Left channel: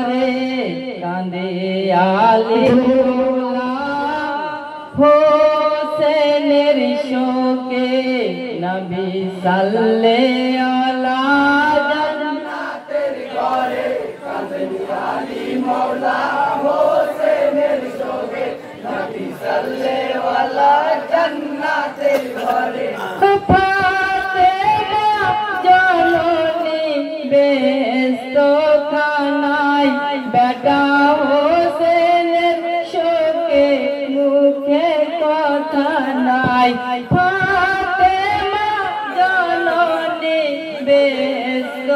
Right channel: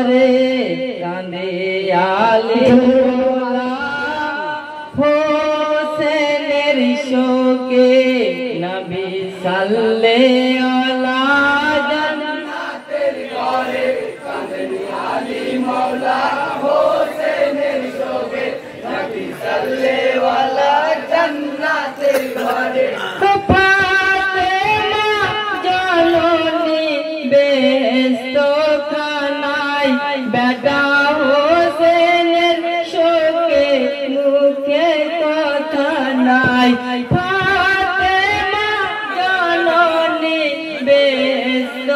ঘরে কাঁদে আলিমুল্লাহ হোসেনের শোকে নবী সাল্লাল্লাহু আলা জান্নাতের ঘরে কাঁদে আলিমুল্লাহ হোসেনের শোকে নবী সাল্লাল্লাহু আলা জান্নাতের ঘরে বেটা হোসেনের শোকে মুখে কথা নাই ফাতেমা জননী ব্যস্ত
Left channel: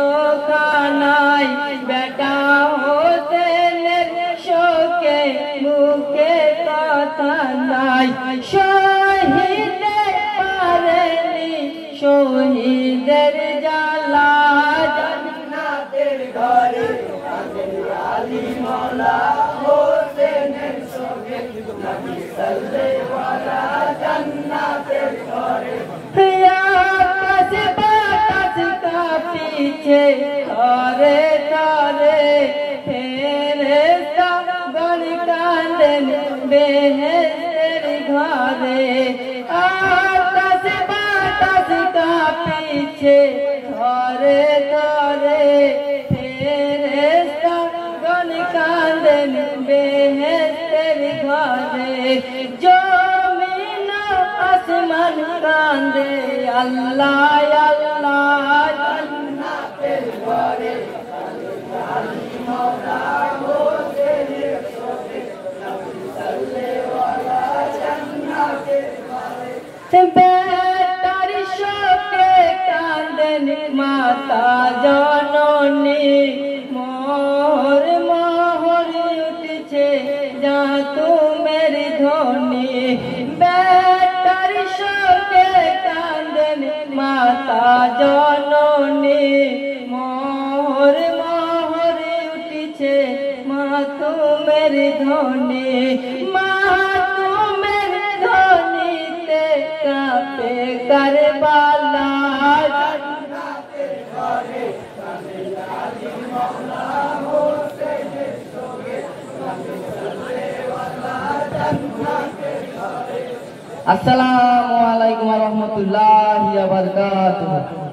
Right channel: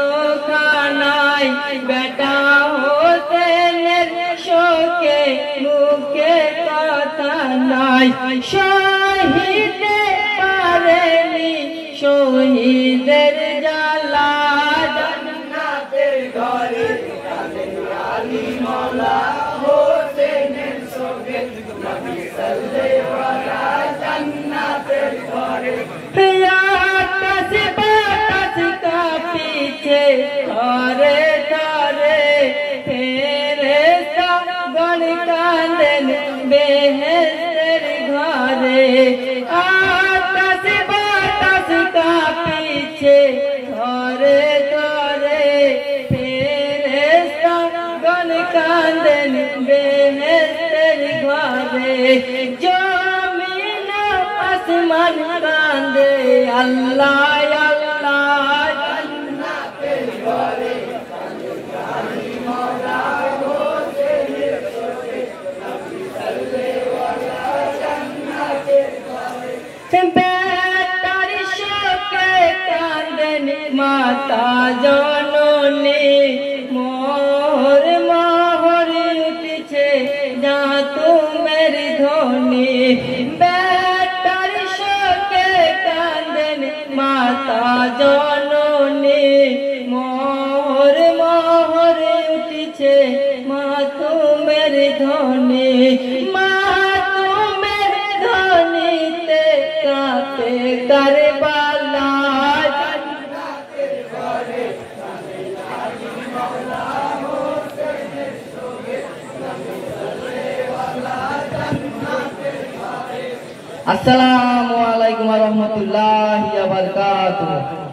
খানায় বেটা হোসেনের শোকে মুখে কথা নাই শহীদে পারেনি শহীদের জ্বালা জান্নাতের ঘরে আলিমুল্লাহ হোসেনের শোকে নবী সাল্লাল্লাহু আলা জান্নাতের ঘরে আকাশ বাতাস কাঁপিছে তারে তারে ফেরেশতা গণ কাঁদেন বেহেশতের ঘরে আকাশ বাতাস কাঁপিছে তারে তারে কাঁদেন বেহেশতের ঘরে জমিন আসমান কাঁদে আল্লাহ আল্লাহ জান্নাতের ঘরে আলিমুল্লাহ হোসেনের শোকে নবী সাল্লাল্লাহু আলা জান্নাতের ঘরে বেটার শোকে কাঁদেন মাতা জননী বেটার শোকে কাঁদেন মাতা জননী মোর মোহর উঠছে মা তুমের ধ্বনি মা তুমের ধ্বনিতে কাঁপে কারবালা জান্নাতের ঘরে কাঁদেন আলিমুল্লাহ হোসেনের শোকে নবী সাল্লাল্লাহু আলা জান্নাতের ঘরে। আসসালামু আলাইকুম ওয়া রাহমাতুল্লাহি ওয়া বারাকাতুহু।